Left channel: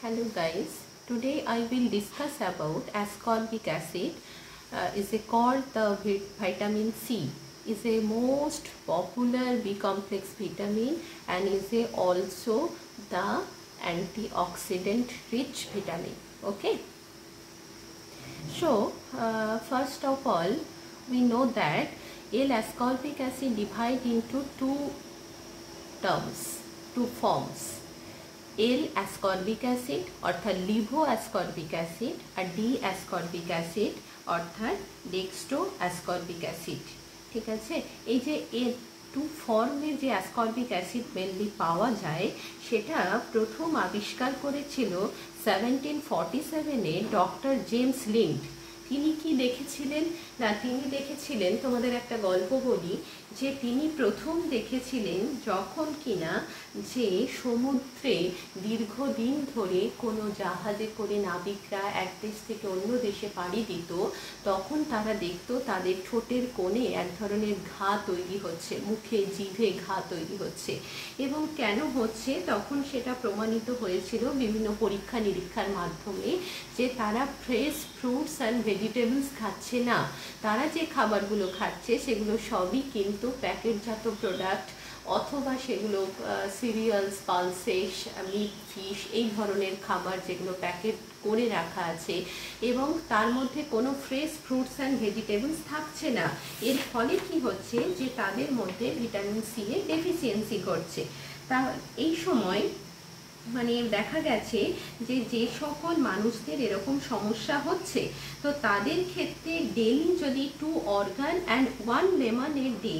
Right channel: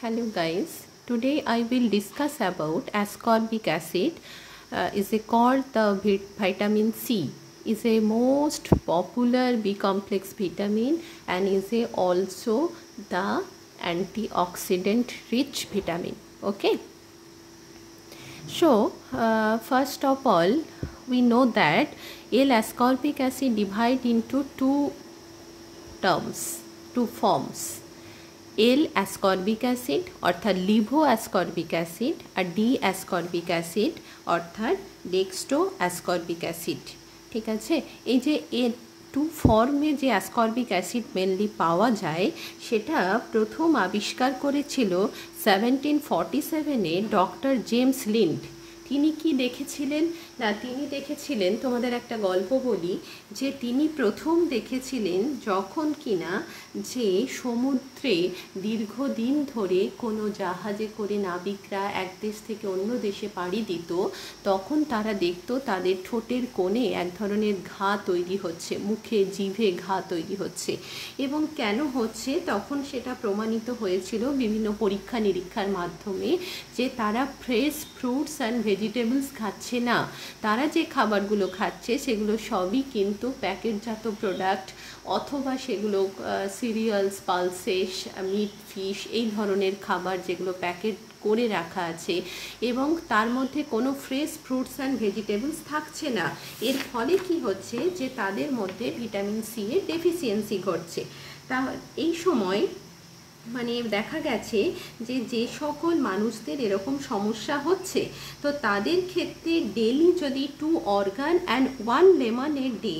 Hello guys, today I will discuss about ascorbic acid. Is called the vitamin C. Is a most popular B complex vitamin and is also the antioxidant rich vitamin. Okay. So first of all, we know that L-ascorbic acid divide into two forms. L ascorbic acid অর্থাৎ Livo ascorbic acid আর D ascorbic acid অর্থাৎ dextro ascorbic acid. ঠিক আছে, এই যে এর two ফর্মে যে ascorbic acid mainly পাওয়া যায় সেটা প্রথম আবিষ্কার করেছিল 1747-এ ডক্টর জেমস লিন্ড। তিনি কি দেখেছিলেন না, তিনি দেখেছিলেন, তোমাদের একটা গল্প বলি, যে তিনি প্রথম দেখেছিলেন যখন কিনা যে সমুদ্রে দীর্ঘদিন ধরে কোনো জাহাজে করে নাবিকরা এক দেশ থেকে অন্য দেশে পাড়ি দিত, তখন তারা দেখতো তাদের ঠোঁটের কোণে এক ধরনের ঘা তৈরি হচ্ছে, মুখে জিভে ঘা তৈরি হচ্ছে। এবং কেন হচ্ছে তখন সেটা প্রমাণিত হয়েছিল বিভিন্ন পরীক্ষা নিরীক্ষার মাধ্যমে যে তারা ফ্রেশ ফ্রুটস অ্যান্ড ভেজিটেবলস খাচ্ছে না, তারা যে খাবারগুলো খাচ্ছে সেগুলো সবই কিন্তু প্যাকেটজাত প্রোডাক্ট অথবা সেগুলো সিরিয়ালস, পালসেস, মিট, ফিশ এই ধরনের খাবার যেগুলো প্যাকেট করে রাখা আছে এবং তার মধ্যে কোনো ফ্রেশ ফ্রুটস অ্যান্ড ভেজিটেবলস থাকছে না। এর ফলে কি হচ্ছে যে তাদের মধ্যে ভিটামিন সি এর ডেফিসিয়েন্সি ঘটছে। তা এই সময় মানে দেখা গেছে যে যে সকল মানুষদের এরকম সমস্যা হচ্ছে তো তাদের ক্ষেত্রে ডেলি যদি 2 organ and 1 lemon a day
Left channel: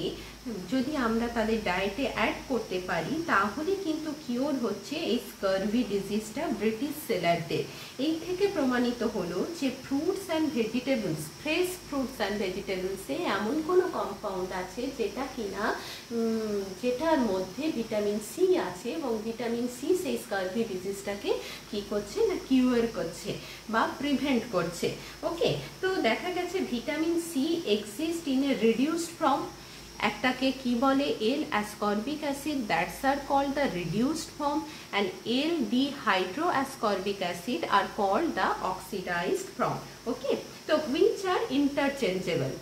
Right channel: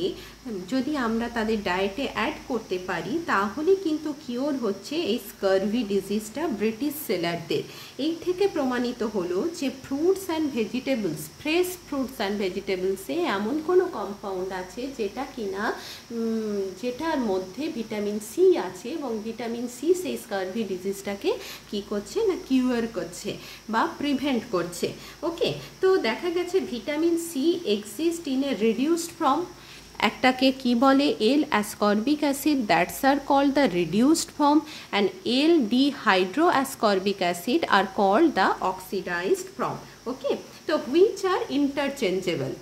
যদি আমরা তাদের ডায়েটে অ্যাড করতে পারি তাহলে কিন্তু কিওর হচ্ছে এই স্কারভি ডিজিজটা ব্রিটিশ সেলারদের। এই থেকে প্রমাণিত হলো যে fruits and vegetables, fresh fruits and ভেজিটেবলসে এমন কোনো কম্পাউন্ড আছে যেটা কিনা যেটার মধ্যে ভিটামিন সি আছে এবং ভিটামিন সি সেই স্কারভি ডিজিজটাকে কি করছে না কিউর করছে বা প্রিভেন্ট করছে। ওকে, তো দেখা গেছে vitamin C exist in a reduced form. একটাকে কি বলে L ascorbic acid, that's are called the reduced form, and L dehydroascorbic acid are called the oxidised form. Okay, তো which are interchangeable.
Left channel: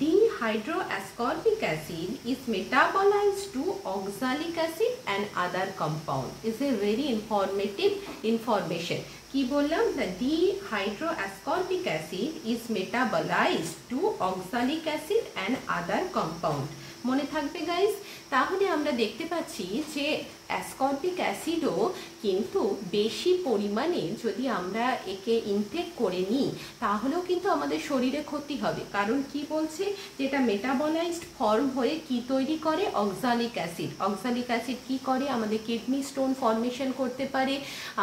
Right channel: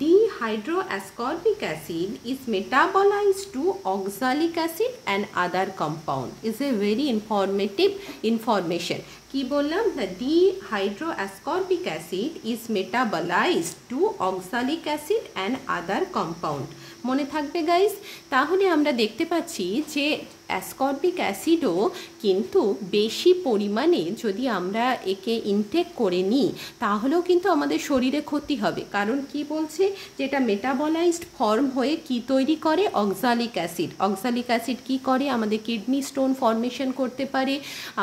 Dehydroascorbic acid is metabolized to oxalic acid and other compound. Is a very informative information. কি বললাম, the dehydroascorbic acid is metabolized to oxalic acid and other compound. মনে থাকবে guys. তাহলে আমরা দেখতে পাচ্ছি যে অ্যাসকর্বিক অ্যাসিডও কিন্তু বেশি পরিমাণে যদি আমরা একে ইনটেক করে নিই তাহলেও কিন্তু আমাদের শরীরে ক্ষতি হবে। কারণ কি বলছে, যেটা মেটাবলাইজড ফর্ম হয়ে কি তৈরি করে, অক্সালিক অ্যাসিড। অক্সালিক অ্যাসিড কি করে, আমাদের কিডনি স্টোন ফর্মেশন করতে পারে,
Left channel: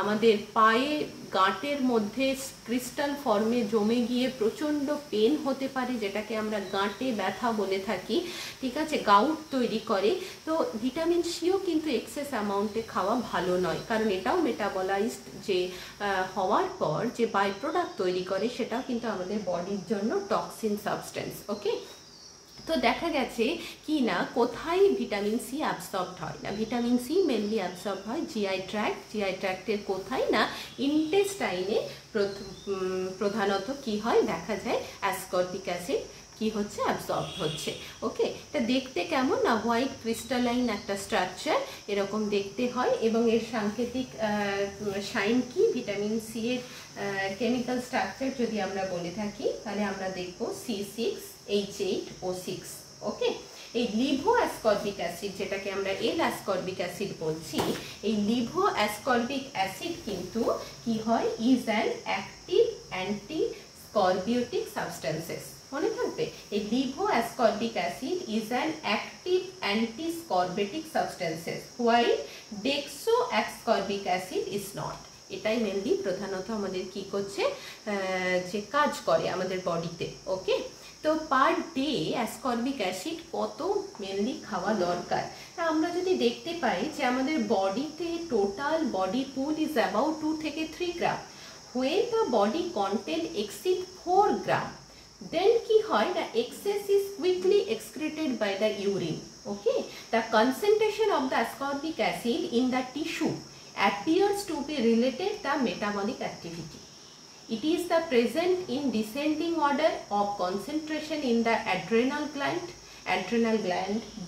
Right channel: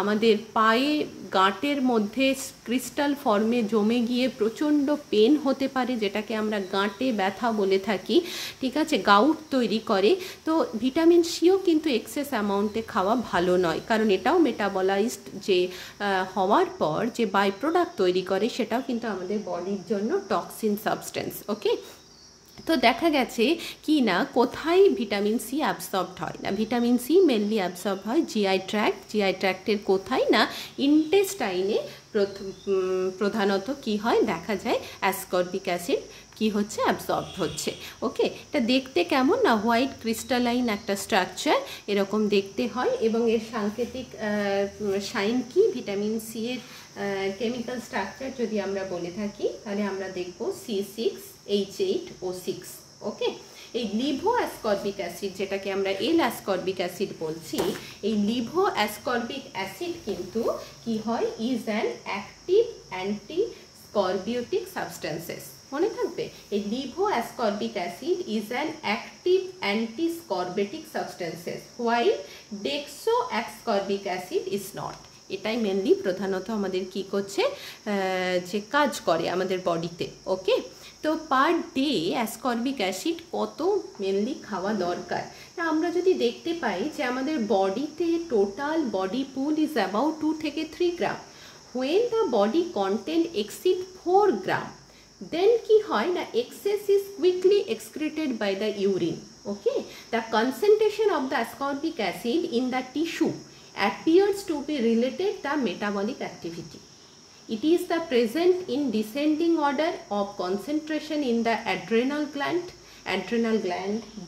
আমাদের পায়ে গাঁটের মধ্যে ক্রিস্টাল ফর্মে জমে গিয়ে প্রচণ্ড পেন হতে পারে, যেটাকে আমরা গাঁটে ব্যথা বলে থাকি। ঠিক আছে, গাউট তৈরি করে। তো ভিটামিন সিও কিন্তু এক্সেস অ্যামাউন্টে খাওয়া ভালো নয়, কারণ এটাও মেটাবলাইজড যে হওয়ার পর যে বাই প্রোডাক্ট তৈরি করে সেটাও কিন্তু আমাদের বডির জন্য টক্সিন সাবস্টেন্স। ওকে, তো দেখা গেছে কি না কোথায় ভিটামিন সি অ্যাবসর্বড হয় না, ভিটামিন সি মেনলি অ্যাবসর্ব হয় জিআই ট্র্যাক্ট। জিআই ট্র্যাক্টের কোথায় না ইন্টেস্টাইনে প্রধানত কি হয় দেখা যায় অ্যাসকর্বিক অ্যাসিড কি হচ্ছে অ্যাবসর্ব হচ্ছে। ওকে, এটা দেখতে কেমন না, হোয়াইট ক্রিস্টালাইন একটা স্ট্রাকচার এরকম দেখতে হয় এবং এর সাংকেতিক সাইন কি, ভিটামিন সি এর কেমিক্যাল স্ট্রাকচার যদি আমরা বলে থাকি তাহলে আমরা দেখব C6H8O6। ওকে, এই লিভো অ্যাসকর্বিক অ্যাসিড যেটাকে আমরা এল অ্যাসকর্বিক অ্যাসিড বলছি, এই লিভো অ্যাসকর্বিক অ্যাসিড কিন্তু কি হয়, is an active antiscorbutic substances. মনে থাকবে, এই levo ascorbic acid is an active antiscorbutic substances while dextro ascorbic acid is not. এটাই মেনলি প্রধানত আমাদের কি করছে যে কাজ করে আমাদের বডিতে। ওকে, তো পার ডে অ্যাসকর্বিক অ্যাসিড কত মেনলি খাওয়া দরকার, তা আমরা যদি দেখতে পাই যে আমাদের বডিতে total body pool is about 2 থেকে 3 গ্রাম। when the body content exceed 4 gram then কি হয় না excess is quickly excreted by the urine. Okay, the concentration of the ascorbic acid in the tissue appears to be related to metabolic activity. It is the present in descending order of concentration in the adrenal gland,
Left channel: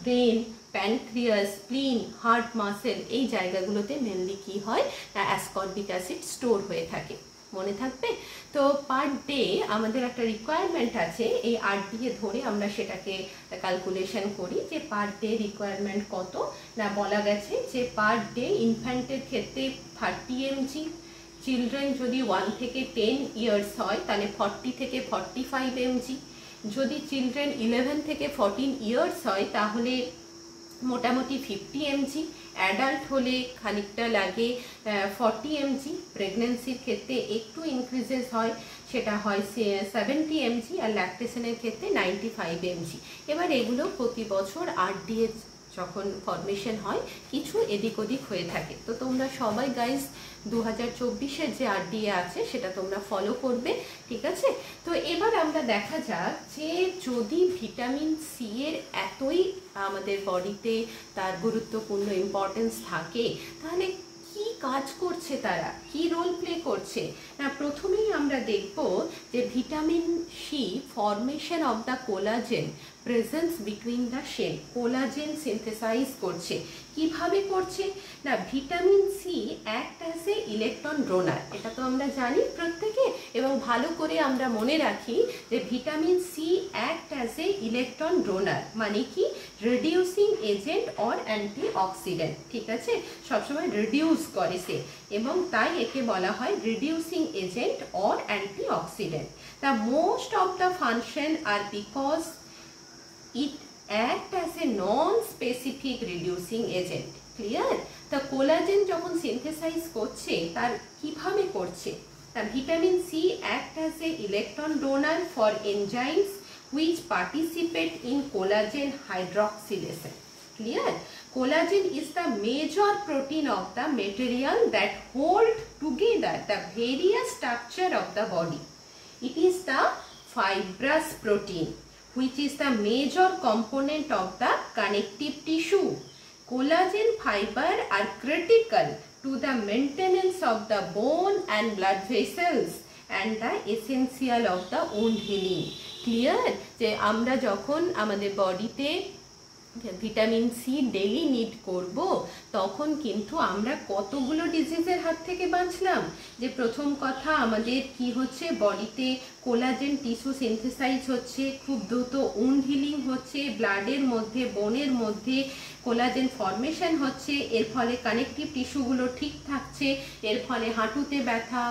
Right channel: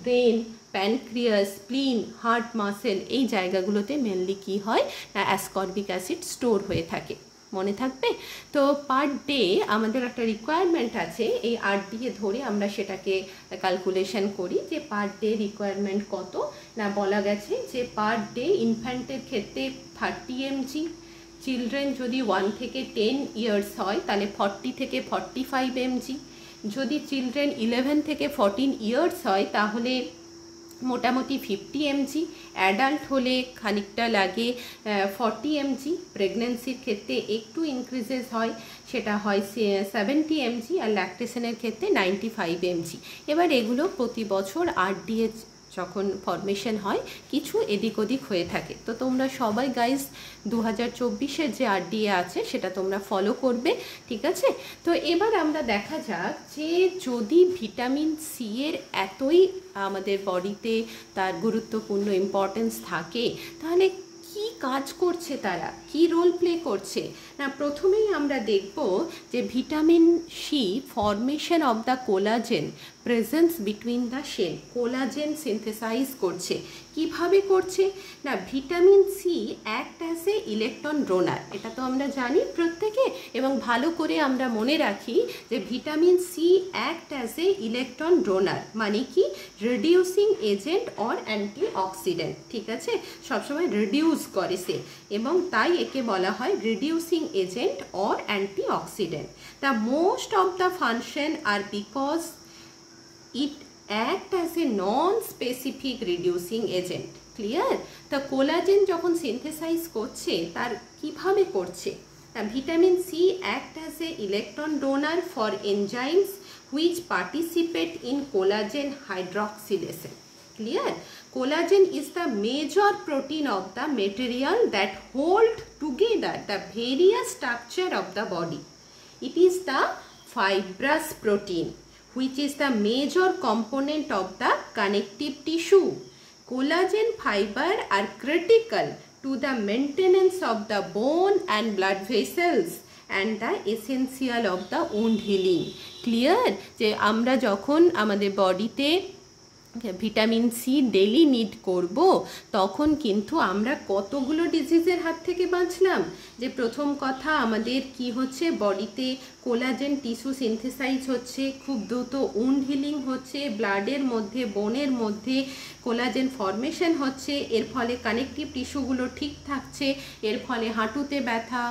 brain, pancreas, স্প্লিন, heart muscle, এই জায়গাগুলোতে mainly কি হয় না ascorbic acid store হয়ে থাকে। মনে থাকবে? তো পার ডে আমাদের একটা রিকোয়ারমেন্ট আছে, এই 8 দিয়ে ধরে আমরা সেটাকে ক্যালকুলেশন করি যে পার ডে রিকোয়ারমেন্ট কত না বলা গেছে যে পার ডে ইনফ্যান্টের ক্ষেত্রে 30 mg, চিলড্রেন যদি 1 থেকে 10 ইয়ার্স হয় তাহলে 40 থেকে 45 mg, যদি চিলড্রেন 11 থেকে 14 ইয়ার্স হয় তাহলে মোটামুটি 50 mg, অ্যাডাল্ট হলে খানিকটা লাগে 40 mg, প্রেগনেন্সির ক্ষেত্রে একটু ইনক্রিজেস হয়, সেটা হয় 70 mg, আর ল্যাকটেশনের ক্ষেত্রে 95 mg। এবার এগুলো প্রতি বছর RDA যখন ফরমেশন হয় কিছু এদিক ওদিক হয়ে থাকে। তো তোমরা সবাই গাইজ 2024-এর যে RDA আছে সেটা তোমরা ফলো করবে, ঠিক আছে? তো এবার আমরা দেখা যাক যে যদি ভিটামিন সি এর এতই আমাদের বডিতে তার গুরুত্বপূর্ণ ইম্পর্টেন্স থাকে তাহলে কি কাজ করছে, তারা কি রোল প্লে করছে না। প্রথমেই আমরা দেখব যে vitamin C formation of the collagen presence between the shell, collagen synthesize করছে। কিভাবে করছে না vitamin C act as a electron donor, এটা তো আমরা জানি প্রত্যেকে, এবং ভালো করে আমরা মনে রাখি যে vitamin C act as a electron donor মানে কি রিডিউসিং এজেন্ট অর অ্যান্টিঅক্সিডেন্ট, ঠিক আছে? সবসময় রিডিউস করে সে, এবং তাই একে বলা হয় reducing agent or antioxidant. The most of the function are because it act as a non-specific reducing agent. Clear? The collagen যখন synthesize করছে তার কিভাবে করছে? The vitamin C act as a electron donor for enzymes which participate in collagen hydroxylation. Clear? Collagen is the major protein of the material that hold together the various structure of the body. It is the fibrous protein which is the major component of the connective tissue. Collagen fiber are critical to the maintenance of the bone and blood vessels and the essential of the wound healing. Clear? যে আমরা যখন আমাদের বডিতে vitamin C daily need করব তখন কিন্তু আমরা কতগুলো ডিজিজের হাত থেকে বাঁচলাম। যে প্রথম কথা আমাদের কি হচ্ছে বডিতে কোলাজেন টিস্যু সিনথেসাইজ হচ্ছে, খুব দ্রুত উন্ড হিলিং হচ্ছে, ব্লাডের মধ্যে বোনের মধ্যে কোলাজেন ফরমেশন হচ্ছে, এর ফলে কানেকটিভ টিস্যুগুলো ঠিক থাকছে, এর ফলে হাঁটুতে ব্যথা,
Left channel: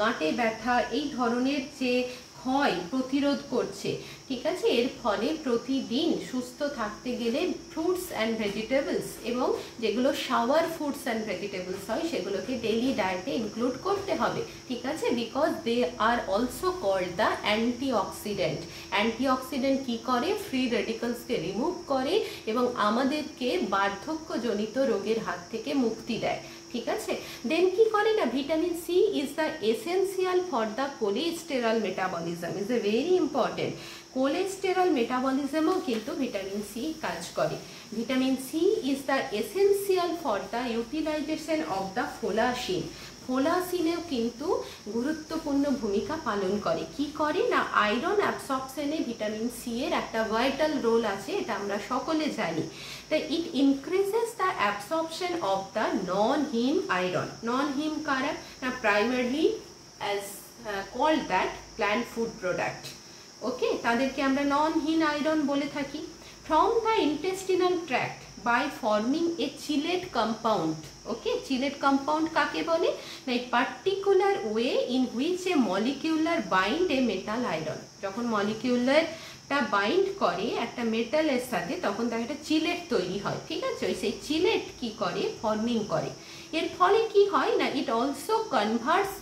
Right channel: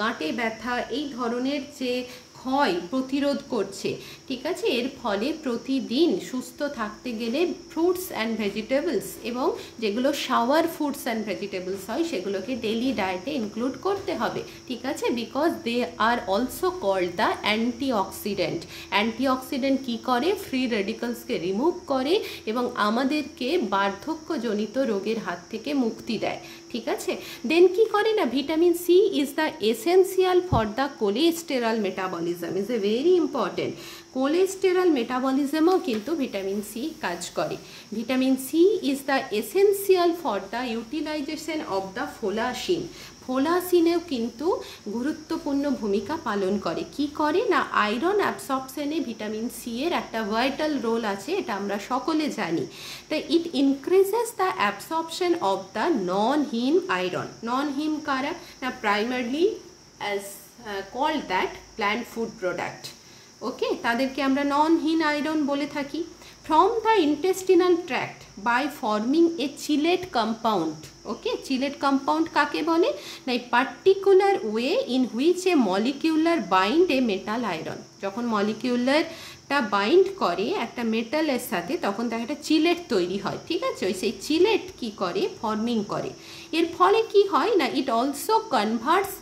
গাঁটে ব্যথা এই ধরনের যে ক্ষয় প্রতিরোধ করছে, ঠিক আছে? এর ফলে প্রতিদিন সুস্থ থাকতে গেলে ফ্রুটস অ্যান্ড ভেজিটেবলস এবং যেগুলো শাওয়ার ফ্রুটস অ্যান্ড ভেজিটেবলস হয় সেগুলোকে ডেইলি ডায়েটে ইনক্লুড করতে হবে, ঠিক আছে? Because they are also called the antioxidant. Antioxidant কী করে? ফ্রি রেডিক্যালসকে রিমুভ করে এবং আমাদেরকে বার্ধক্যজনিত রোগের হাত থেকে মুক্তি দেয়, ঠিক আছে? দেন কি করে না vitamin C is the essential for the cholesterol metabolism, is a very important. Cholesterol মেটাবলিজমও কিন্তু ভিটামিন সি কাজ করে। Vitamin C is the essential for the utilisation of the folacin, ফোলাসিনেও কিন্তু গুরুত্বপূর্ণ ভূমিকা পালন করে। কি করে না আয়রন অ্যাবসর্পশনে ভিটামিন সি এর একটা ভাইটাল রোল আছে, এটা আমরা সকলে জানি। তাই it increases the absorption of the non haem iron. Non haem কারা না primarily as called that plant food product, okay? তাদেরকে আমরা নন হিম আয়রন বলে থাকি। from the intestinal tract by forming a chylate compound. Okay, chylate compound কাকে বলে না particular way in which a molecular bind a metal iron. যখন মলিকিউলারটা bind করে একটা মেটালের সাথে তখন তার একটা চিলেট তৈরি হয়, ঠিক আছে? ওই সেই চিলেট কি করে ফর্মিং করে, এর ফলে কি হয় না it also converts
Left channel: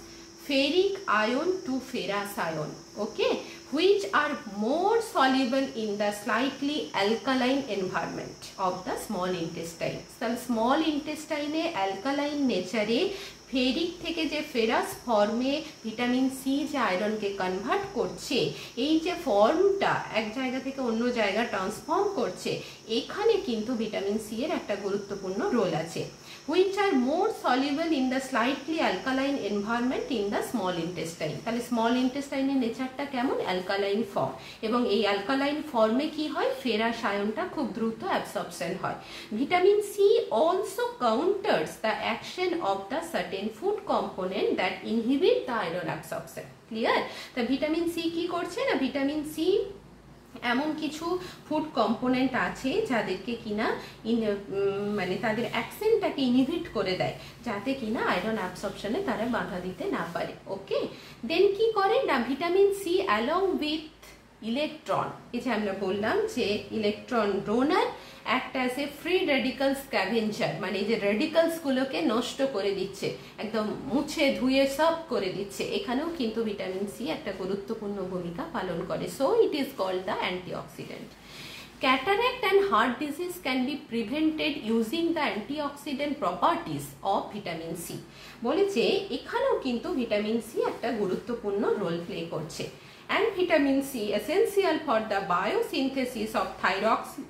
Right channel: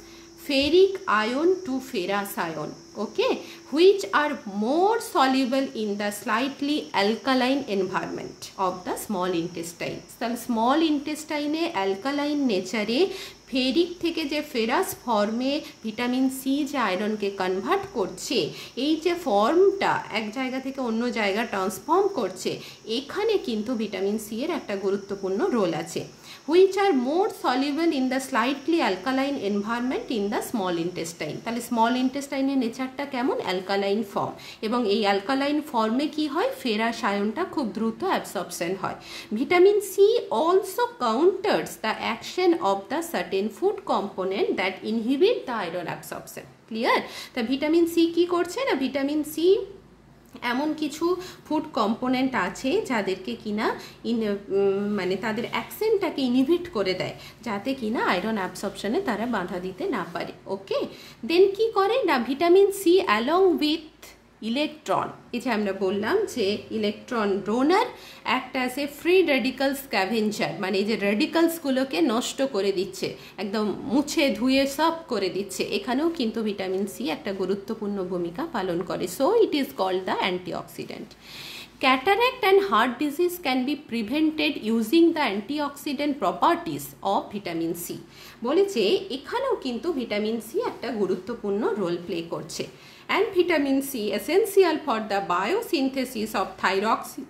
ferric ion to ferrous ion, okay, which are more soluble in the slightly alkaline environment of the small intestine. So small intestine alkaline nature ferric থেকে যে ফেরাস ফর্মে ভিটামিন সি যে আয়রনকে convert করছে, এই যে ফর্মটা এক জায়গা থেকে অন্য জায়গা ট্রান্সফর্ম করছে, এখানে কিন্তু ভিটামিন সি এর একটা গুরুত্বপূর্ণ রোল আছে। which are more soluble in the slightly alkaline environment in the small intestine. তাহলে স্মল ইন্টেস্টাইনের নেচারটা কেমন? অ্যালকালাইন ফর্ম, এবং এই অ্যালকালাইন ফর্মে কি হয়? ফেরাস আয়নটা খুব দ্রুত অ্যাবসর্পশন হয়। Vitamin C also counters the action of the certain food component that inhibit the iron absorption. Clear? তা ভিটামিন সি কি করছে না, ভিটামিন সি এমন কিছু ফুড কম্পোনেন্ট আছে যাদেরকে কিনা মানে তাদের অ্যাকশনটাকে ইনহিবিট করে দেয়, যাতে কিনা আয়রন অ্যাবসর্পশনে তারা বাধা দিতে না পারে। ওকে, দেন কি করে না, vitamin C along with electron, এই যে আমরা বললাম যে electron donor act as a free radical scavenger, মানে এই যে রেডিক্যালসগুলোকে নষ্ট করে দিচ্ছে, একদম মুছে ধুয়ে সব করে দিচ্ছে, এখানেও কিন্তু ভিটামিন সি একটা গুরুত্বপূর্ণ ভূমিকা পালন করে। So it is called the antioxidant. Cataract and heart disease can be prevented using the antioxidant properties of vitamin C. বলেছে এখানেও কিন্তু ভিটামিন সি একটা গুরুত্বপূর্ণ রোল প্লে করছে। And vitamin C essential for the biosynthesis of thyroxine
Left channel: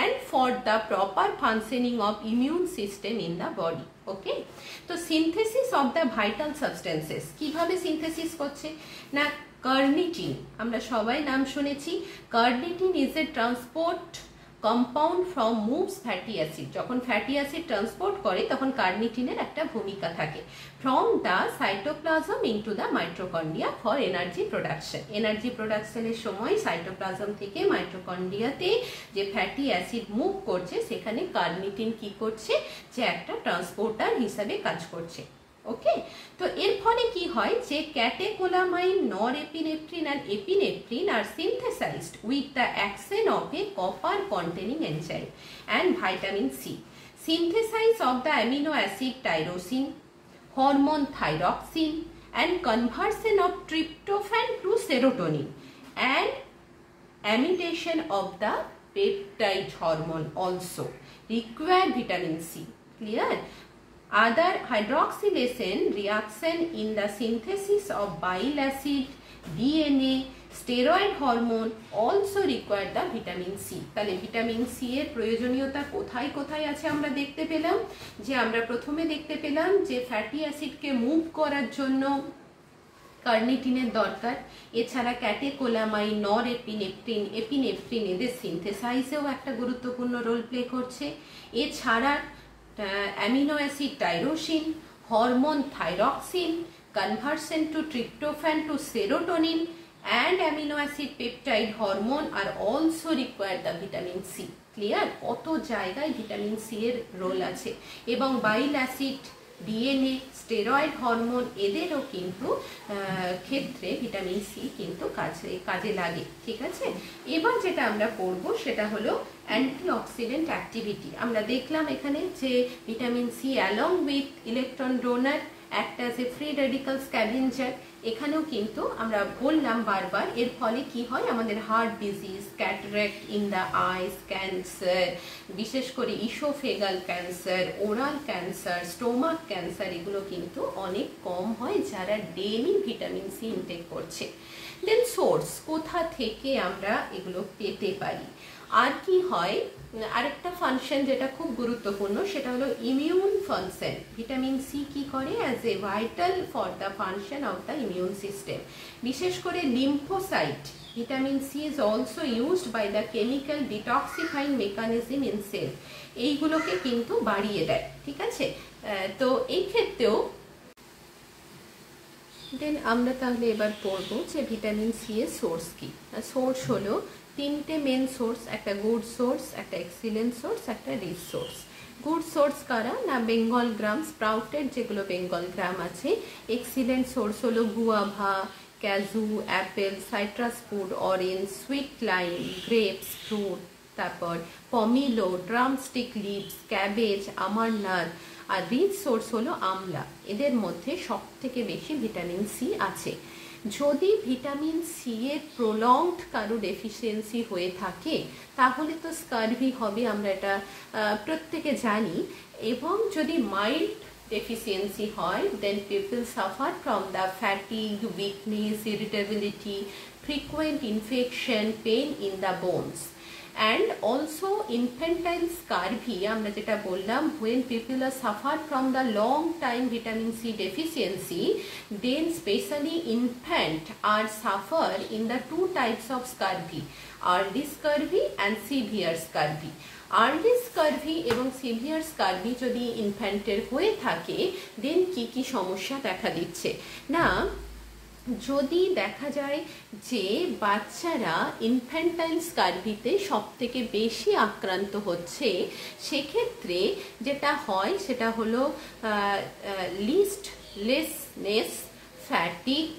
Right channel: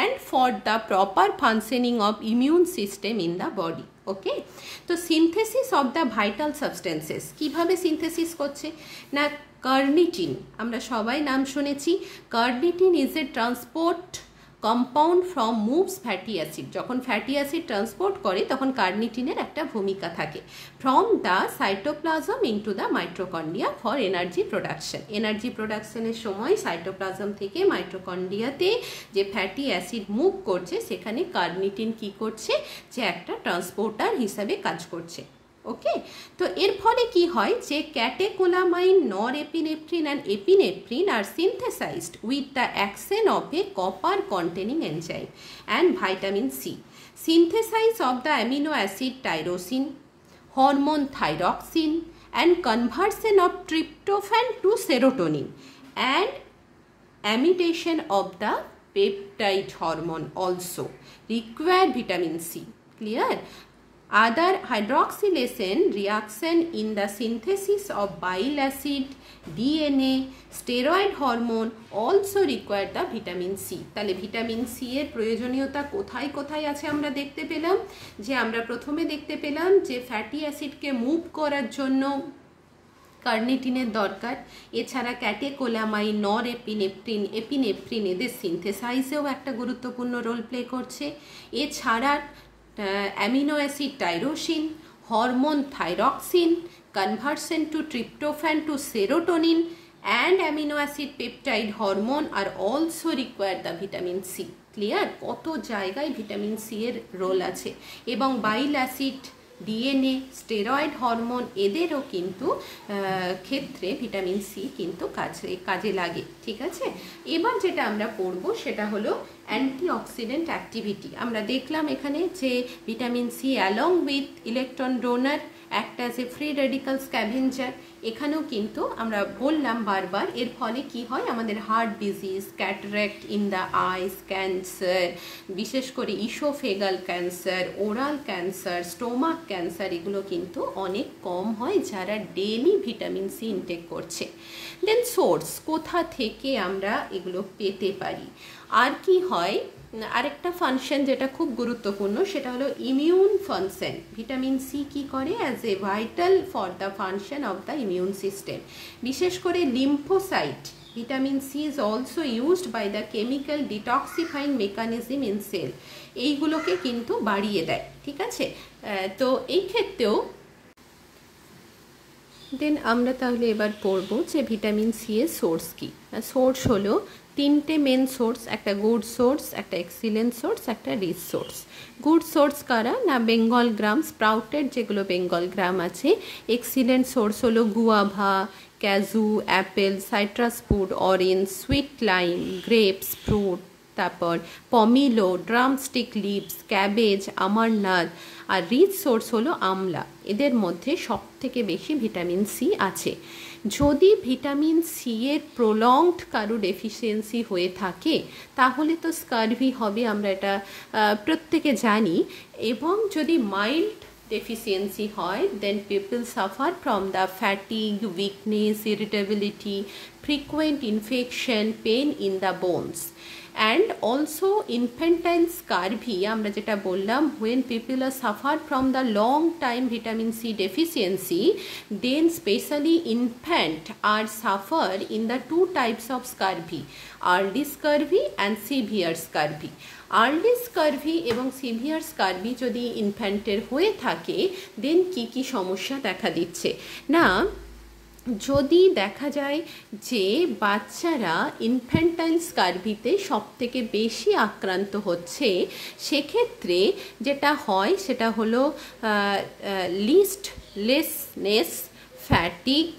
and for the proper functioning of immune system in the body. Okay, তো synthesis of the vital substances কিভাবে synthesis করছে না, কার্নিটিন, আমরা সবাই নাম শুনেছি। Carnitine is a transport compound from moves fatty acid. যখন fatty acid transport করে তখন কার্নিটিনের একটা ভূমিকা থাকে, from the cytoplasm into the mitochondria for energy production. Energy প্রোডাকশনের সময় সাইটোপ্লাজম থেকে মাইটোকন্ড্রিয়াতে যে ফ্যাটি অ্যাসিড মুভ করছে সেখানে কার্নিটিন কি করছে, যে একটা ট্রান্সপোর্টার হিসাবে কাজ করছে। ওকে, তো এর ফলে কি হয় যে catecholamine, norepinephrine and epinephrine are synthesized with the action of a copper containing enzyme and vitamin C. Synthesis of the amino acid tyrosine, hormone thyroxine and conversion of tryptophan to serotonin and amidation of the peptide hormone also require vitamin C. Clear? Other hydroxylation reaction in the synthesis of bile acid, DNA, steroid hormone also require the vitamin C. তাহলে vitamin C এর প্রয়োজনীয়তা কোথায় কোথায় আছে আমরা দেখতে পেলাম, যে আমরা প্রথমে দেখতে পেলাম যে ফ্যাটি অ্যাসিডকে মুভ করার জন্য কার্নিটিনের দরকার, এছাড়া ক্যাটেকোলামাইন, এপিনেফ্রিন এদের সিনথেসাইজেও একটা গুরুত্বপূর্ণ রোল প্লে করছে। এছাড়া amino acid tyrosine, hormone thyroxine, conversion to tryptophan to serotonin and amino acid peptide hormone are also required the vitamin C. Clear? কত জায়গায় ভিটামিন সি এর রোল আছে, এবং বাইল অ্যাসিড, ডিএনএ, স্টেরয়েড হরমোন এদেরও কিন্তু ক্ষেত্রে ভিটামিন সি কিন্তু কাজে লাগে। ঠিক আছে, এবার যেটা আমরা পড়বো সেটা হলো অ্যান্টিঅক্সিডেন্ট অ্যাক্টিভিটি। আমরা দেখলাম এখানে যে vitamin C along with electron donor act as a free radical scavenger, এখানেও কিন্তু আমরা বললাম বারবার এর ফলে কি হয়, আমাদের heart disease, cataract in the eyes, cancer, বিশেষ করে oesophageal cancer, oral cancer, stomach cancer, এগুলো কিন্তু অনেক কম হয় যারা ডেইলি ভিটামিন সি ইনটেক করছে। দেন সোর্স, কোথা থেকে আমরা এগুলো পেতে পারি। আর কি হয়, আরেকটা ফাংশন যেটা খুব গুরুত্বপূর্ণ সেটা হলো ইমিউন ফাংশন। ভিটামিন সি কি করে, as a vital for the function of the immune system, বিশেষ করে lymphocyte. Vitamin C is also used by the chemical detoxifying mechanism in cell, এইগুলোকে কিন্তু বাড়িয়ে দেয়। ঠিক আছে, তো এই ক্ষেত্রেও দেন আমরা তাহলে এবার পড়বো যে ভিটামিন সি এর সোর্স কি। সোর্স হলো তিনটে মেন সোর্স, একটা গুড সোর্স, একটা এক্সিলেন্ট সোর্স, একটা রিচ সোর্স। গুড সোর্স কারা না, বেঙ্গল গ্রাম, স্প্রাউটেড যেগুলো বেঙ্গল গ্রাম আছে। এক্সিলেন্ট সোর্স হলো guava, cashew, apple, citrus fruit, orange, sweet lime, grapes fruit, তারপর pomelo, drumstick leaves, cabbage, amaranth. আর রিচ সোর্স হলো আমলা। এদের মধ্যে সব থেকে বেশি ভিটামিন সি আছে। যদি ভিটামিন সি এর প্রলংড কারো ডেফিসিয়েন্সি হয়ে থাকে তাহলে তো স্কারভি হবে, আমরা এটা প্রত্যেকে জানি। এবং যদি মাইল্ড deficiency হয়, then people suffer from the fatigue, weakness, irritability, frequent infection, pain in the bones. and also infantile scurvy আমরা যেটা বললাম, when people are suffer from the long time vitamin C deficiency, then especially infant are suffer in the two types of scurvy, early scurvy and severe scurvy. Early scurvy এবং severe scurvy যদি ইনফ্যান্টের হয়ে থাকে, দেন কি কি সমস্যা দেখা দিচ্ছে না, যদি দেখা যায় যে বাচ্চারা ইনফ্যান্টাইল স্কারভিতে সব থেকে বেশি আক্রান্ত হচ্ছে, সেক্ষেত্রে যেটা হয় সেটা হলো লিস্টলেসনেস, fatigue,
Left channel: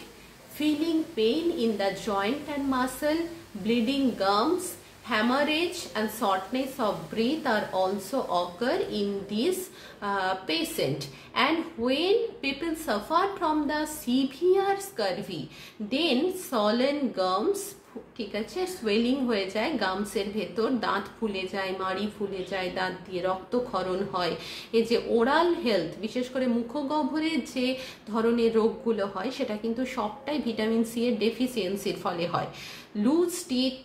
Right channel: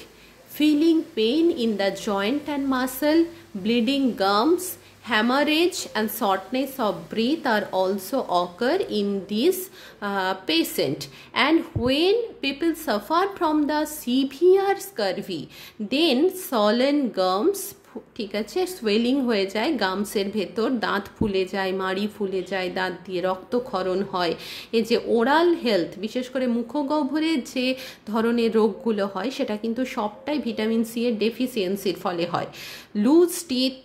feeling pain in the joint and muscle, bleeding gums, hemorrhage and shortness of breath are also occur in this patient. And when people suffer from the severe scurvy, then swollen gums, ঠিক আছে, swelling হয়ে যায় গামসের ভেতর, দাঁত ফুলে যায়, মাড়ি ফুলে যায়, দাঁত দিয়ে রক্তক্ষরণ হয়। এই যে ওরাল হেলথ, বিশেষ করে মুখগহ্বরের যে ধরনের রোগগুলো হয় সেটা কিন্তু সবটাই ভিটামিন সি এর ডেফিসিয়েন্সির ফলে হয়। Loose teeth,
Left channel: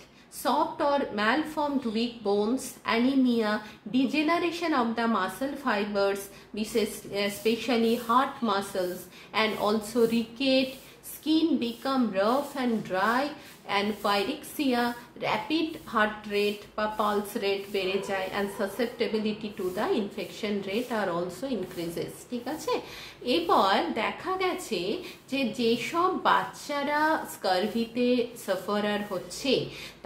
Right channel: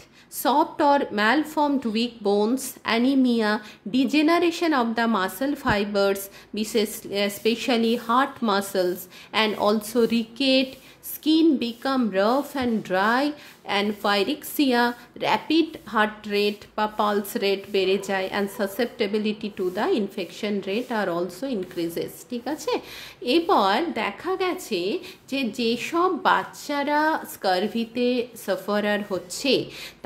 soft or malformed weak bones, anemia, degeneration of the muscle fibers, especially heart muscles, and also rickets, skin become rough and dry, and pyrexia, rapid heart rate বা pulse rate বেড়ে যায়, and susceptibility to the infection rate are also increases। ঠিক আছে, এবার দেখা গেছে যে যেসব বাচ্চারা স্কারভিতে সাফারার হচ্ছে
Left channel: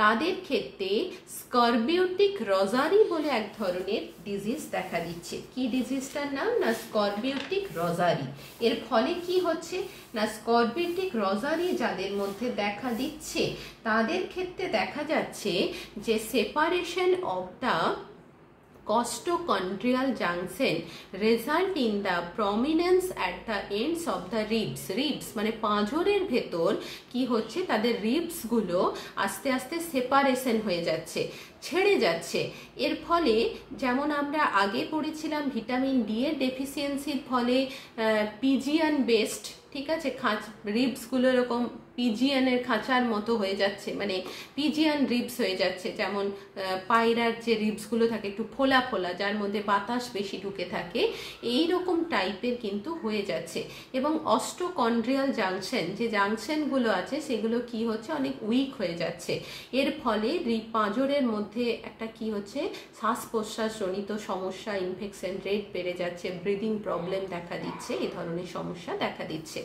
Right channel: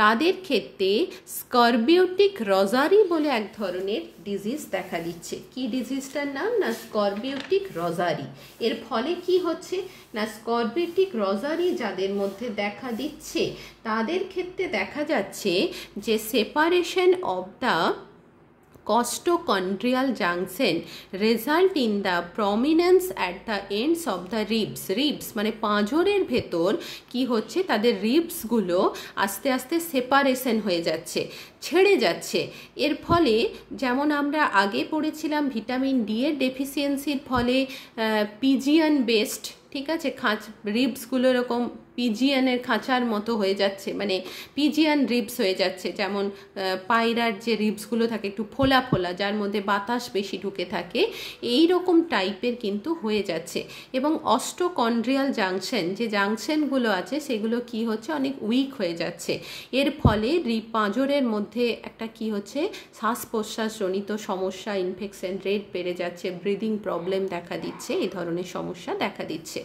তাদের ক্ষেত্রে স্করবিউটিক রজারি বলে এক ধরনের ডিজিজ দেখা দিচ্ছে। কি ডিজিজটার নাম? না স্করবিউটিক রজারি। এর ফলে কি হচ্ছে না, স্করবিউটিক রজারি যাদের মধ্যে দেখা দিচ্ছে তাদের ক্ষেত্রে দেখা যাচ্ছে যে separation of the costochondrial junction result in the prominence at the ends of the ribs মানে পাঁজরের ভেতর কি হচ্ছে, তাদের রিবস গুলো আস্তে আস্তে সেপারেশন হয়ে যাচ্ছে, ছেড়ে যাচ্ছে। এর ফলে যেমন আমরা আগে পড়েছিলাম ভিটামিন ডি এর ডেফিসিয়েন্সির ফলে পিজিয়ান বেস্ট, ঠিক আছে, রিবসগুলো এরকম পিজিয়ানের খাঁচার মতো হয়ে যাচ্ছে, মানে পিজিয়ান রিবস হয়ে যাচ্ছে, যেমন পায়রার যে রিবসগুলো থাকে একটু ফোলা ফোলা, যার মধ্যে বাতাস বেশি ঢুকে থাকে, এই রকম টাইপের কিন্তু হয়ে যাচ্ছে। এবং অস্টোকন্ড্রিয়াল জাংশন, যে জাংশনগুলো আছে সেগুলো কি হচ্ছে, অনেক উইক হয়ে যাচ্ছে। এর ফলে পাঁজরের মধ্যে একটা কি হচ্ছে, শ্বাস প্রশ্বাসজনিত সমস্যা, ইনফেকশন রেট বেড়ে যাচ্ছে, ব্রিদিং প্রবলেম দেখা দিচ্ছে, এই ধরনের সমস্যা দেখা দিচ্ছে।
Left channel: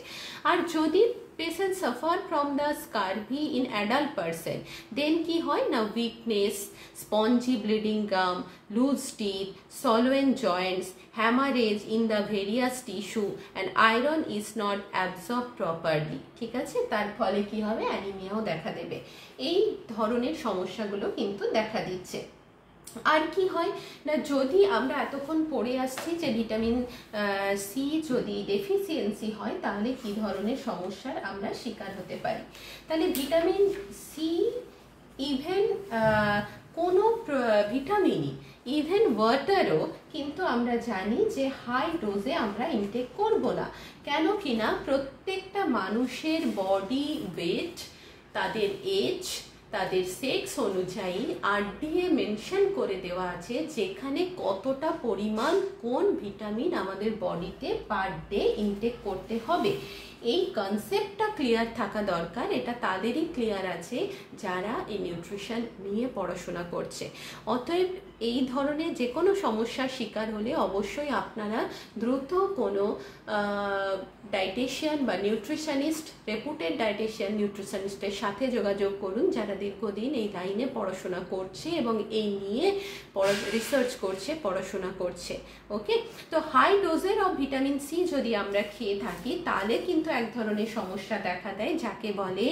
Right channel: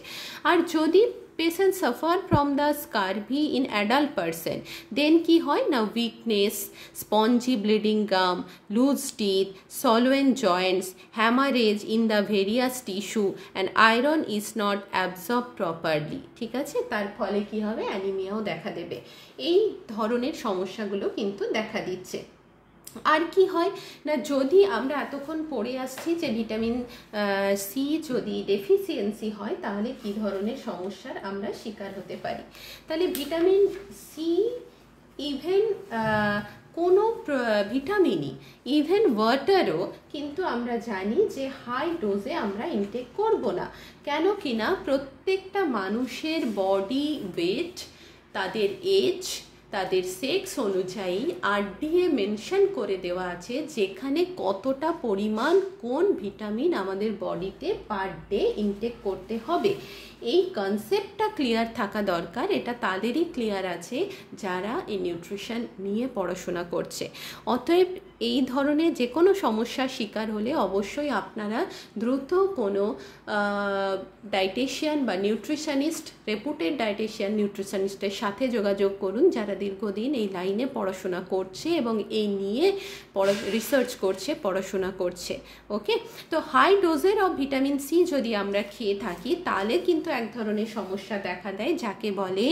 আর যদি patient suffer from the scurvy in adult person, then কি হয় না, weakness, spongy bleeding gum, loose teeth, swollen joints, hemorrhage in the various tissue, and iron is not absorbed properly। ঠিক আছে, তার ফলে কি হবে, অ্যানিমিয়াও দেখা দেবে। এই ধরনের সমস্যাগুলো কিন্তু দেখা দিচ্ছে। আর কি হয় না, যদি আমরা এতক্ষণ পড়ে আসছি যে ভিটামিন সি যদি ডেফিসিয়েন্সি হয় তাহলে কি ধরনের সমস্যার আমরা শিকার হতে পারি। তাহলে ভিটামিন সি ইভেন কোনো ভিটামিনই, ইভেন ওয়াটারও কিন্তু আমরা জানি যে হাই ডোজে আমরা ইনটেক করব না। কেন কিনা প্রত্যেকটা মানুষের বডি ওয়েট, তাদের এজ, তাদের সেক্স অনুযায়ী আরডিএ মেনশন করে দেওয়া আছে যেখানে কতটা পরিমাণ কোন ভিটামিন আমাদের বডিতে পার ডে ইনটেক করতে হবে। এই কনসেপ্টটা ক্লিয়ার থাকা দরকার, এটা তাদেরই ক্লিয়ার আছে যারা এই নিউট্রিশন নিয়ে পড়াশোনা করছে। অতএব এই ধরনের যে কোনো সমস্যার শিকার হলে অবশ্যই আপনারা দ্রুত কোনো ডায়েটিশিয়ান বা নিউট্রিশনিস্ট, রেপুটেড ডায়েটিশিয়ান নিউট্রিশনিস্টের সাথে যোগাযোগ করুন যারা দীর্ঘদিন এই লাইনে পড়াশোনা করছে এবং এই নিয়ে রিসার্চ করছে, পড়াশোনা করছে। ওকে, তো হাই ডোজের অফ ভিটামিন সি যদি আমরা খেয়ে থাকি তাহলে কিন্তু এক ধরনের সমস্যা দেখা দেয় যাকে বলে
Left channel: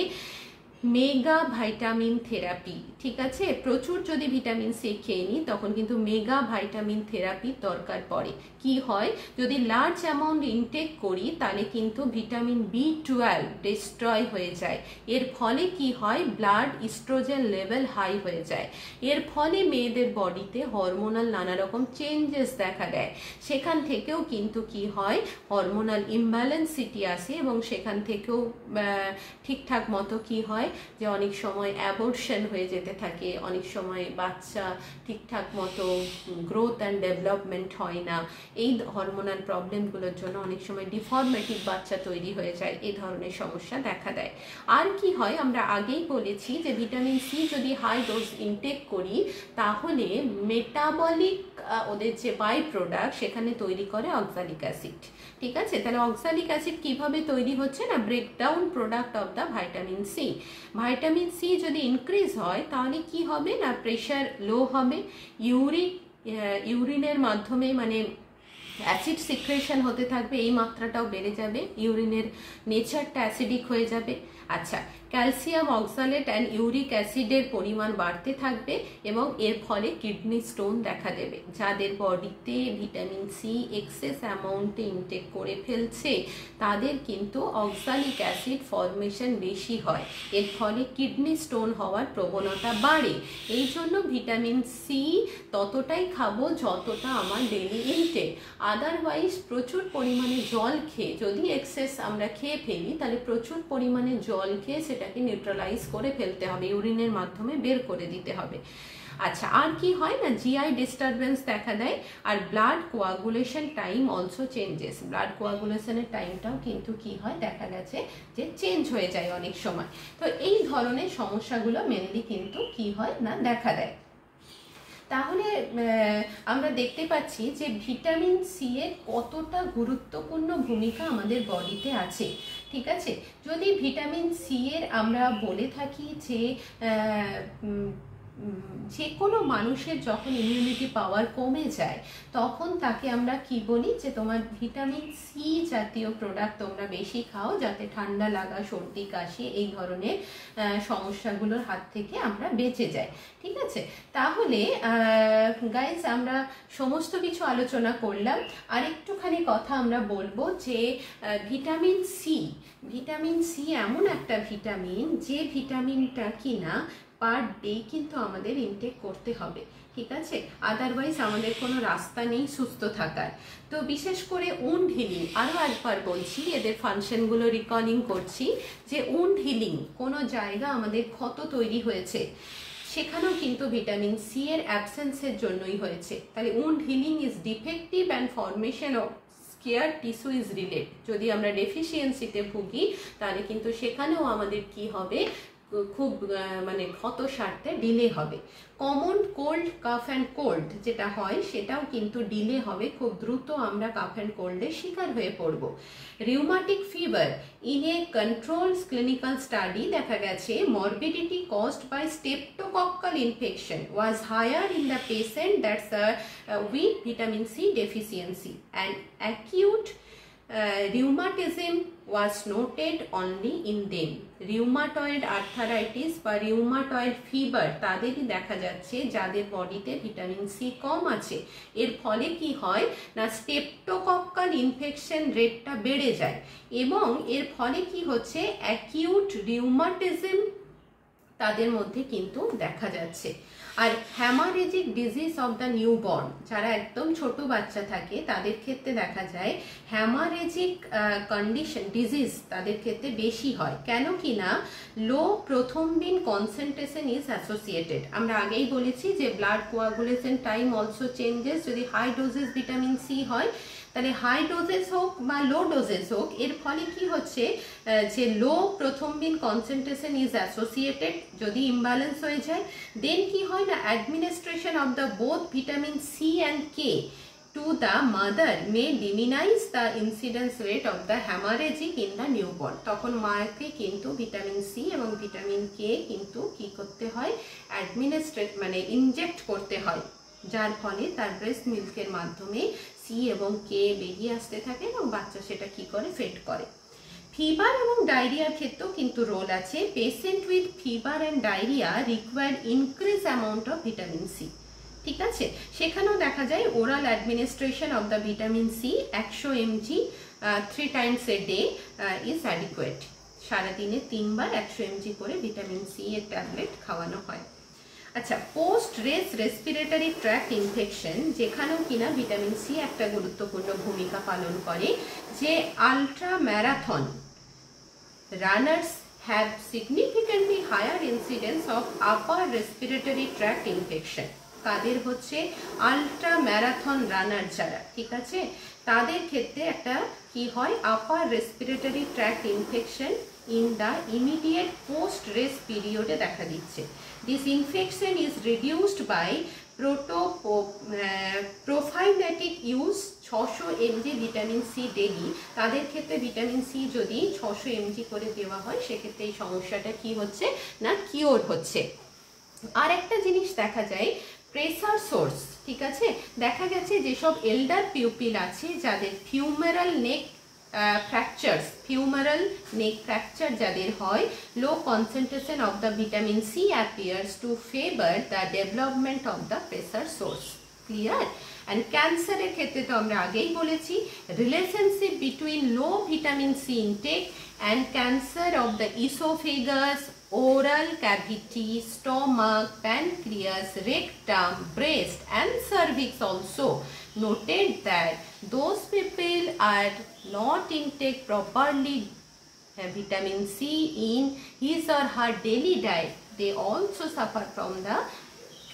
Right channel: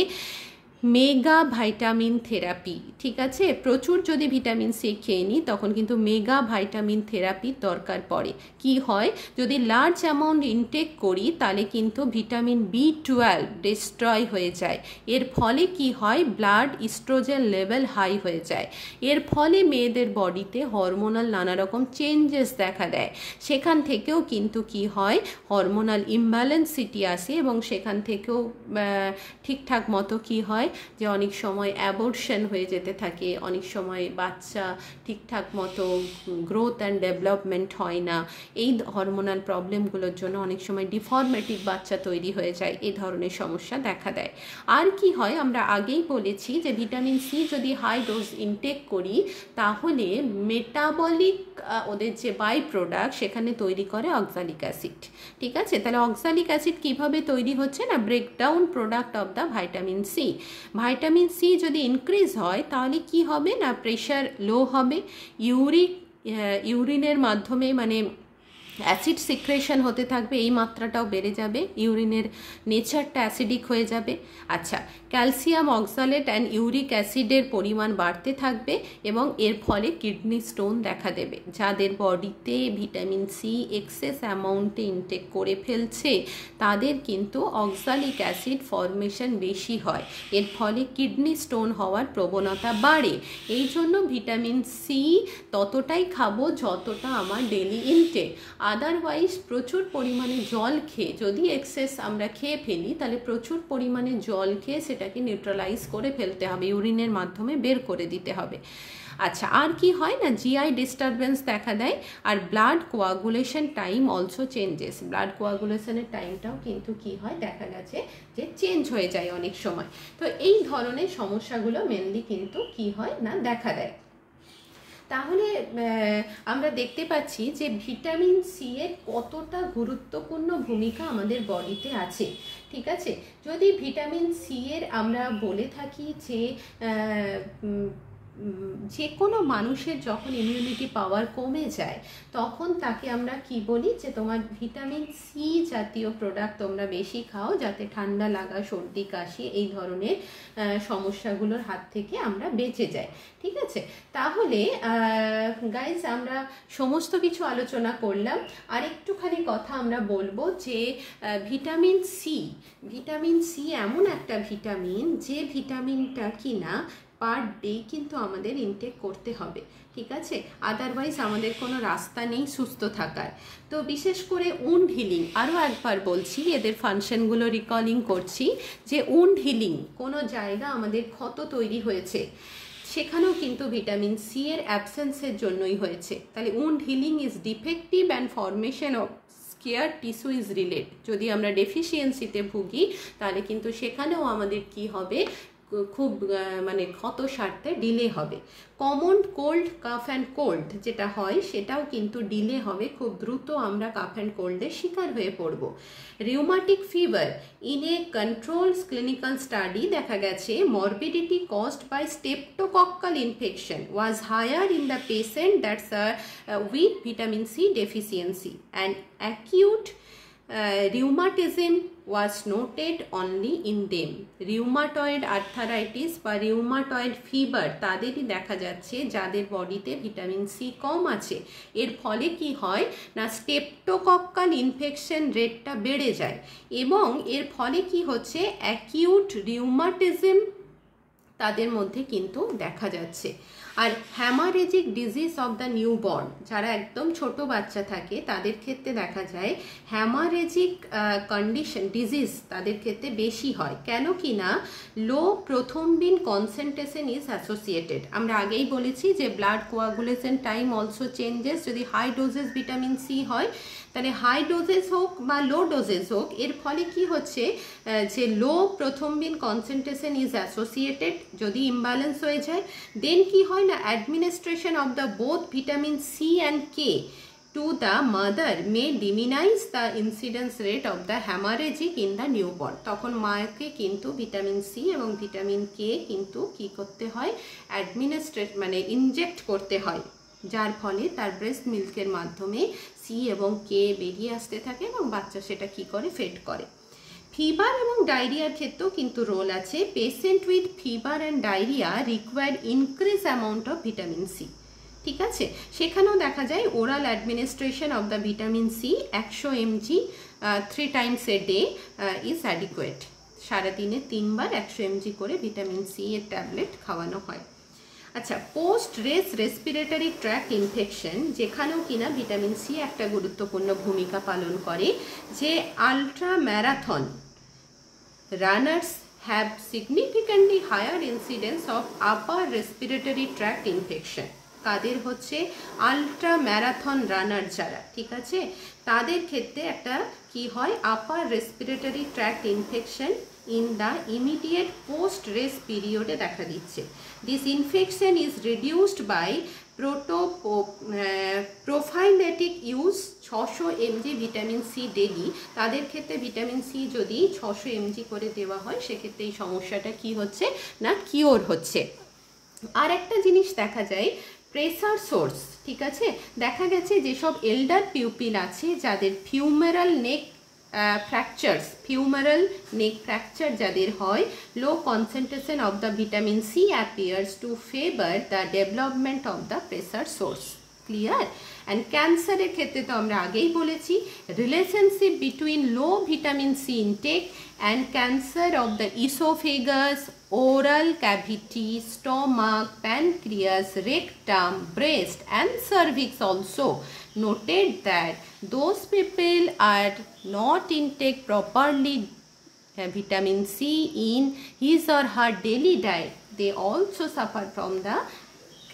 মেগা ভাইটামিন থেরাপি। ঠিক আছে, প্রচুর যদি ভিটামিন সি খেয়ে নিই তখন কিন্তু মেগা ভাইটামিন থেরাপির দরকার পড়ে। কি হয়, যদি লার্জ অ্যামাউন্ট ইনটেক করি তাহলে কিন্তু ভিটামিন বি12 ডিস্ট্রয় হয়ে যায়। এর ফলে কি হয়, ব্লাড ইস্ট্রোজেন লেভেল হাই হয়ে যায়। এর ফলে মেয়েদের বডিতে হরমোনাল নানা রকম চেঞ্জেস দেখা দেয়। সেখান থেকেও কিন্তু কি হয়, হরমোনাল ইমব্যালেন্সিটি আসে এবং সেখান থেকেও ঠিকঠাক মতো কি হয়, হয় যে অনেক সময় অ্যাবর্শন হয়ে যেতে থাকে, অনেক সময় বাচ্চা ঠিকঠাক মতো গ্রোথ অ্যান্ড ডেভেলপমেন্ট হয় না, এই হরমোনাল প্রবলেমগুলোর জন্য অনেক সময় ডিফর্মেটিভ বাচ্চা তৈরি হয়ে যায়, এই ধরনের সমস্যা দেখা দেয়। আর কি হয়, আমরা আগেই বলেছি যে ভিটামিন সি যদি হাই ডোজ ইনটেক করি তাহলে মেটাবলিক ওদের যে বাই প্রোডাক্ট সেখানে তৈরি করে অক্সালিক অ্যাসিড। ঠিক আছে, তাহলে অক্সালিক অ্যাসিড কিভাবে তৈরি হচ্ছে না, breakdown product of the vitamin C. Vitamin C যদি ইনক্রিজ হয় তাহলে কি হবে না, প্রেশার লো হবে, ইউরিনের মাধ্যমে মানে অ্যাসিড সিক্রেশন হতে থাকবে, এই মাত্রাটাও বেড়ে যাবে, ইউরিনের নেচারটা অ্যাসিডিক হয়ে যাবে। আচ্ছা, ক্যালসিয়াম অক্সালেট অ্যান্ড ইউরিক অ্যাসিডের পরিমাণ বাড়তে থাকবে এবং এর ফলে কিডনি স্টোন দেখা দেবে। যাদের বডিতে ভিটামিন সি এক্সেস অ্যামাউন্টে ইনটেক করে ফেলছে তাদের কিন্তু অক্সালিক অ্যাসিড ফর্মেশন বেশি হয়, এর ফলে কিডনি স্টোন হওয়ার প্রবণতা বাড়ে। এই জন্য ভিটামিন সি ততটাই খাবো যতটা আমার ডেলি ইনটেক। আদারওয়াইজ প্রচুর পরিমাণে জল খেয়ে, যদি এক্সেস আমরা খেয়ে ফেলি তাহলে প্রচুর পরিমাণে জল খেয়ে সেটাকে নিউট্রালাইজ করে ফেলতে হবে, ইউরিনের মাধ্যমে বের করে দিতে হবে। আচ্ছা, আর কি হয় না, জিআই ডিস্টারবেন্স দেখা দেয়, আর blood coagulation time also changes. Blood কোয়াগুলেশনের টাইমটাও কিন্তু কি হয়, দেখা গেছে যে চেঞ্জ হয়ে যায় অনেক সময়। তো এই ধরনের সমস্যাগুলো মেনলি কিন্তু কি হয় না, দেখা দেয়। তাহলে আমরা দেখতে পাচ্ছি যে ভিটামিন সি এর কতটা গুরুত্বপূর্ণ ভূমিকা আমাদের বডিতে আছে। ঠিক আছে, যদি ভিটামিন সি এর আমরা বলে থাকি যে কোনো মানুষের যখন ইমিউনিটি পাওয়ার কমে যায় তখন তাকে আমরা কি বলি, যে তোমার ভিটামিন সি জাতীয় প্রোডাক্ট তোমরা বেশি খাও যাতে ঠান্ডা লাগা, সর্দি কাশি এই ধরনের সমস্যাগুলোর হাত থেকে আমরা বেঁচে যাই। ঠিক আছে, তাহলে গাইজ আমরা সমস্ত কিছু আলোচনা করলাম, আর একটুখানি কথা আমরা বলবো যে ভিটামিন সি এমন একটা ভিটামিন যে ভিটামিনটা কিনা পার ডে কিন্তু আমাদের ইনটেক করতে হবে। ঠিক আছে, আদারওয়াইজ আমাদের কোনো রাস্তা নেই সুস্থ থাকার। তো বিশেষ করে উন্ড হিলিং, আরও একবার বলছি, এদের ফাংশনগুলো রিকলিং করছি, যে উন্ড হিলিং, কোনো জায়গা আমাদের ক্ষত তৈরি হয়েছে সেখানেও কিন্তু ভিটামিন সি এর অ্যাবসেন্সের জন্যই হয়েছে। তাহলে wound healing is defective and formation of scar tissue is relate. যদি আমরা ডেফিসিয়েন্সিতে ভুগি তাহলে কিন্তু সেখানেও আমাদের কি হবে, খুব মানে ক্ষত সারতে ডিলে হবে। Common cold, calf and cold যেটা হয় সেটাও কিন্তু ডিলে হবে, খুব দ্রুত আমরা কাফ অ্যান্ড কোল্ডের শিকার হয়ে পড়ব। Rheumatic fever, in a control clinical study দেখা গেছে morbidity caused by streptococcal infection was higher in the patient that's with vitamin C deficiency, and acute rheumatism was noted only in them. Rheumatoid arthritis বা rheumatoid fever তাদেরই দেখা যাচ্ছে যাদের বডিতে vitamin C কম আছে। এর ফলে কি হয় না, স্টেপটোকক্কাল ইনফেকশন রেটটা বেড়ে যায় এবং এর ফলে কি হচ্ছে, অ্যাকিউট রিউমাটিজম তাদের মধ্যে কিন্তু দেখা যাচ্ছে। আর হ্যামারেজিক ডিজিজ অফ দ্য নিউবর্ন, যারা একদম ছোট বাচ্চা থাকে তাদের ক্ষেত্রে দেখা যায় হ্যামারেজিক কন্ডিশন ডিজিজ তাদের ক্ষেত্রে বেশি হয়। কেন কি না, লো প্রথমবিন কনসেন্ট্রেশন ইজ অ্যাসোসিয়েটেড। আমরা আগেই বলেছি যে blood coagulation time also changes. যদি হাই ডোজেস ভিটামিন সি হয় তাহলে হাই ডোজেস হোক বা লো ডোজেস হোক, এর ফলে কি হচ্ছে যে low prothrombin concentration is associated. যদি ইমব্যালেন্স হয়ে যায় দেন কি হয় না, administration of the both vitamin C and K to the mother may diminish the incidence rate of the hemorrhagic in the newborn. তখন মাকে কিন্তু ভিটামিন সি এবং ভিটামিন কে কিন্তু কি করতে হয়, অ্যাডমিনিস্ট্রেট মানে ইনজেক্ট করতে হয়, যার ফলে তার ব্রেস্ট মিল্কের মাধ্যমে সি এবং কে বেরিয়ে আসতে থাকে এবং বাচ্চা সেটা কি করে, ফেড করে। ফিভার এবং ডায়রিয়ার ক্ষেত্রেও কিন্তু রোল আছে। Patient with fever and diarrhoea required increase amount of vitamin C. ঠিক আছে, সেখানেও দেখা যায় oral administration of the vitamin C 100 mg 3 times a day is adequate. সারাদিনে 3 বার 100 mg করে ভিটামিন সি এর ট্যাবলেট খাওয়ানো হয়। আচ্ছা, পোস্ট রেসপিরেটরি ট্র্যাক্ট ইনফেকশন, যেখানেও কিনা ভিটামিন সি একটা গুরুত্বপূর্ণ ভূমিকা পালন করে। যে ultra marathon runners have significantly higher incidence of upper respiratory tract infection. তাদের হচ্ছে আলট্রা ম্যারাথন রানার যারা, ঠিক আছে, তাদের ক্ষেত্রে একটা কি হয়, upper respiratory tract infection in the immediate post rest পিরিয়ডে দেখা দিচ্ছে। This infection is reduced by prophylactic use 600 mg vitamin C daily. তাদের ক্ষেত্রে ভিটামিন সি যদি 600 mg করে দেওয়া হয় সেক্ষেত্রে এই সমস্যাটা কি হচ্ছে না, কিওর হচ্ছে। আর একটা জিনিস দেখা যায়, প্রেসার সোর্স, ঠিক আছে, দেখা গেছে যেসব এল্ডার পিউপিল আছে যাদের ফিউমেরাল নেক ফ্র্যাকচার যাদের হয়, low concentration of the vitamin C appears to favour the development of the pressure sores. Clear? And ক্যান্সারের ক্ষেত্রে তো আমরা আগেই বলেছি, relationship between low vitamin C intake and cancer of the oesophagus, oral cavity, stomach, pancreas, rectum, breast and cervix also noted that those people are not intake properly vitamin C in his or her daily diet, they also suffer from the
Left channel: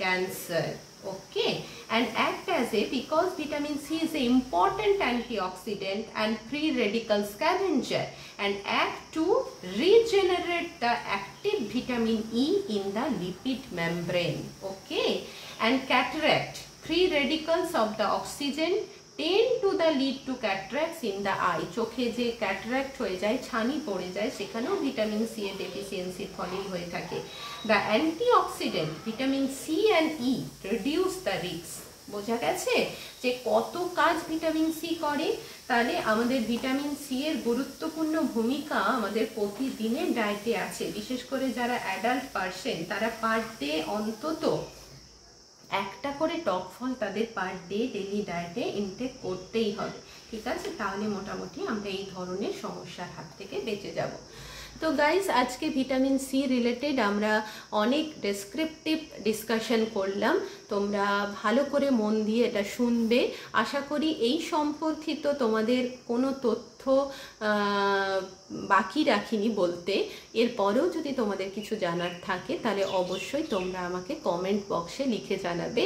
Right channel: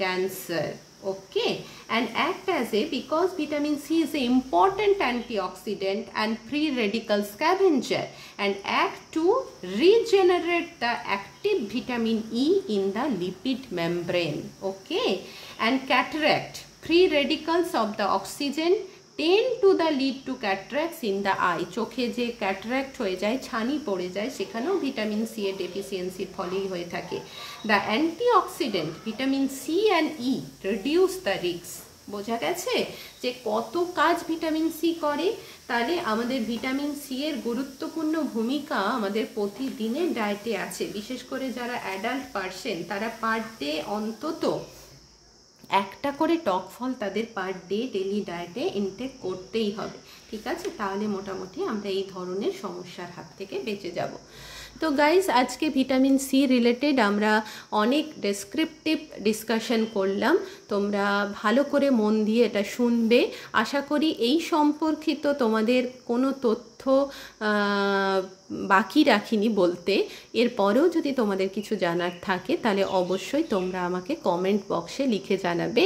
cancer. Okay, and act as a, because vitamin C is an important antioxidant and free radical scavenger, and act to regenerate the active vitamin E in the lipid membrane. Okay, and cataract, free radicals of the oxygen tend to the lead to cataracts in the eye. চোখে যে cataract হয়ে যায়, ছানি পড়ে যায়, সেখানেও vitamin C এর ডেফিসিয়েন্সির ফলেই হয়ে থাকে। The antioxidant vitamin C and E reduce the risk. বোঝা গেছে যে কত কাজ ভিটামিন সি করে। তাহলে আমাদের ভিটামিন সি এর গুরুত্বপূর্ণ ভূমিকা আমাদের প্রতিদিনের ডায়েটে আছে। বিশেষ করে যারা অ্যাডাল্ট পারসন, তারা পার ডে অন্তত একটা করে টক ফল তাদের পার ডে ডেলি ডায়েটে ইনটেক করতেই হবে, ঠিক আছে, তাহলে মোটামুটি আমরা এই ধরনের সমস্যার হাত থেকে বেঁচে যাব। তো গাইজ, আজকে ভিটামিন সি রিলেটেড আমরা অনেক ডেসক্রিপটিভ ডিসকাশন করলাম, তোমরা ভালো করে মন দিয়ে এটা শুনবে। আশা করি এই সম্পর্কিত তোমাদের কোনো তথ্য বাকি রাখিনি বলতে। এরপরেও যদি তোমাদের কিছু জানার থাকে তাহলে অবশ্যই তোমরা আমাকে কমেন্ট বক্সে লিখে জানাবে।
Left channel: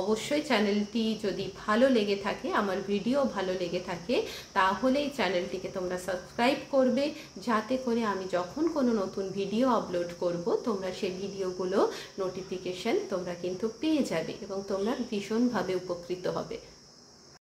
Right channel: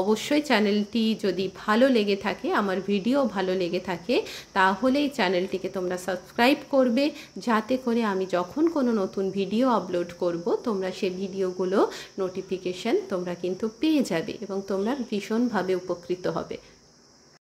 অবশ্যই চ্যানেলটি যদি ভালো লেগে থাকে, আমার ভিডিও ভালো লেগে থাকে, তাহলে এই চ্যানেলটিকে তোমরা সাবস্ক্রাইব করবে, যাতে করে আমি যখন কোনো নতুন ভিডিও আপলোড করব তোমরা সেই ভিডিওগুলো নোটিফিকেশন তোমরা কিন্তু পেয়ে যাবে এবং তোমরা ভীষণভাবে উপকৃত হবে।